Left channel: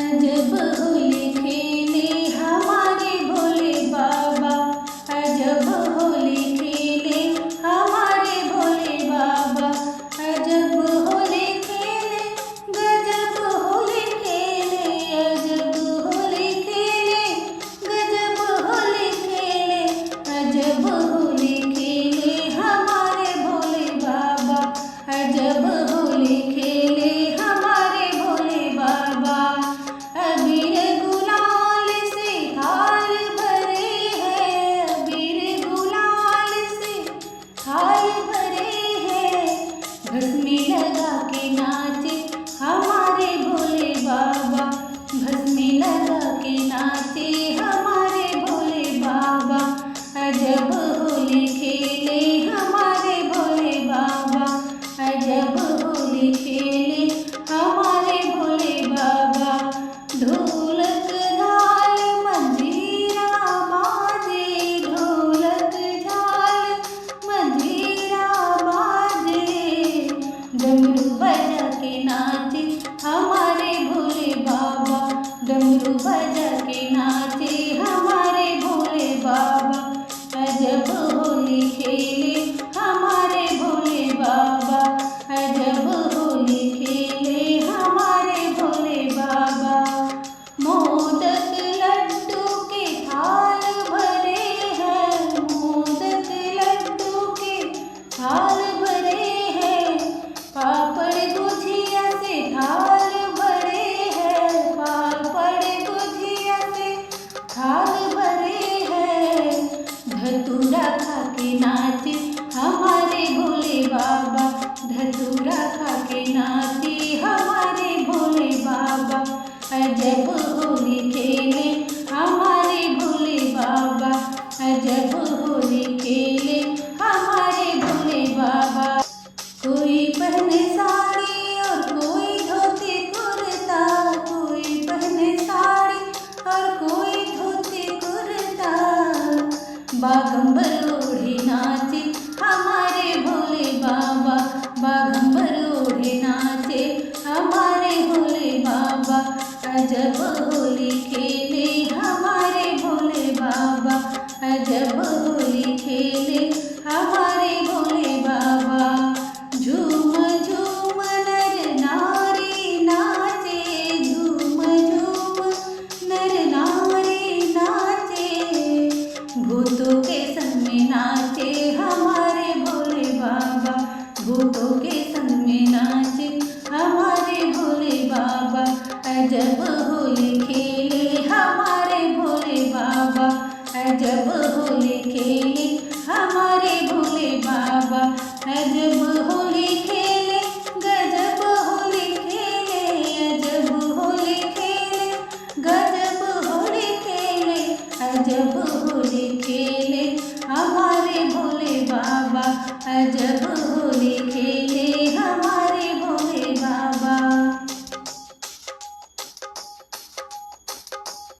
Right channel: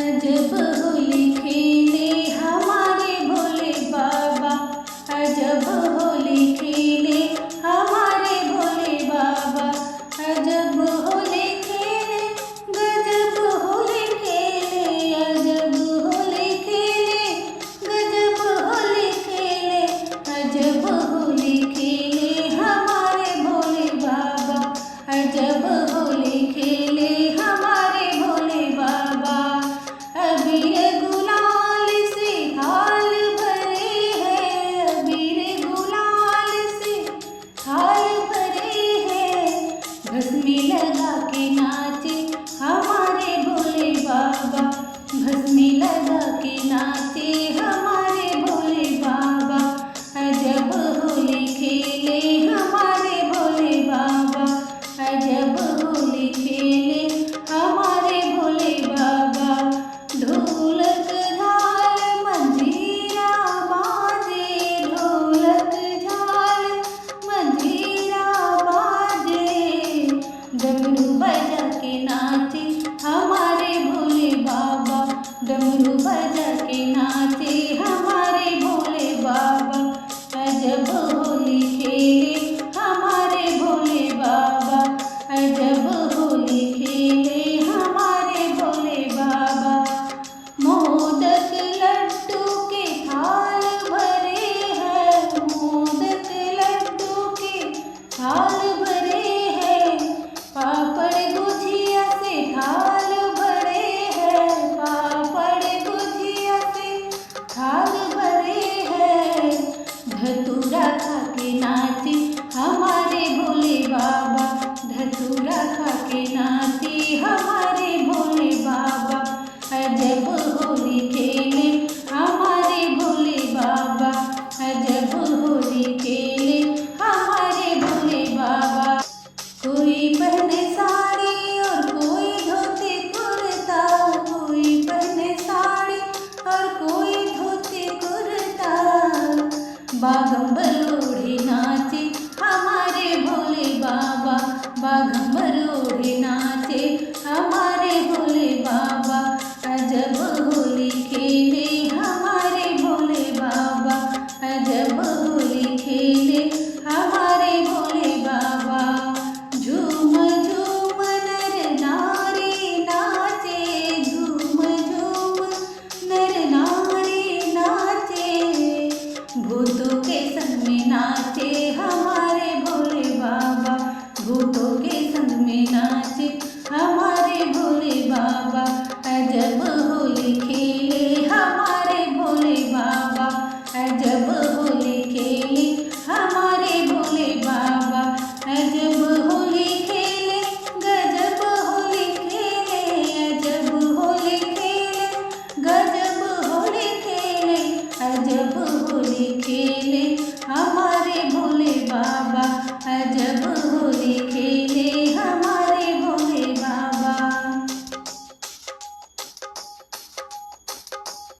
अजब होली खेले हमारे भोले बाबा, अजब होली खेले हमारे भोले बाबा, अजब होली खेले गजब होली खेले, अजब होली खेले गजब होली खेले, अजब होली खेले हमारे भोले बाबा, अजब होली खेले हमारे भोले बाबा। अबीर गुलाल से थाल भरे हैं, अबीर गुलाल से थाल भरे हैं, भस्मी लगा के नाचे हमारे भोले बाबा, भस्मी लगा के नाचे हमारे भोले बाबा। अजब होली खेले हमारे भोले बाबा, अजब होली खेले हमारे भोले बाबा। ढोलक झाल मंजीरा बाजे, ढोलक झाल मंजीरा बाजे, डमरू बजा के नाचे हमारे भोले बाबा, डमरू बजा के नाचे हमारे भोले बाबा। अजब होली खेले हमारे भोले बाबा, अजब होली खेले हमारे भोले बाबा। मोदक लड्डू के थाल भरे हैं, मोदक लड्डू के थाल भरे हैं, पापड़ गुझिया से थाल भरे हैं, पापड़ गुझिया से थाल भरे हैं, धतूरा खा के नाचे हमारे भोले बाबा, धतूरा खा के नाचे हमारे भोले बाबा। अजब होली खेले हमारे भोले बाबा, अजब होली खेले हमारे भोले बाबा। कोई पहने साड़ी और कोई धोती कुर्ता, कोई पहने साड़ी और कोई धोती कुर्ता, बागंबर ओढ़े नाचे हमारे भोले बाबा, बागंबर ओढ़े नाचे हमारे भोले बाबा। अजब होली खेले हमारे भोले बाबा, अजब होली खेले हमारे भोले बाबा। झूम झूम नर नारी नाचे, झूम झूम नर नारी नाचे, भूतों के संग में नाचे हमारे भोले बाबा, भूतों के संग में नाचे हमारे भोले बाबा। अजब होली खेले हमारे भोले बाबा, अजब होली खेले हमारे भोले बाबा, अजब होली खेले गजब होली खेले, अजब होली खेले गजब होली खेले, अजब होली खेले हमारे भोले बाबा, अजब होली खेले।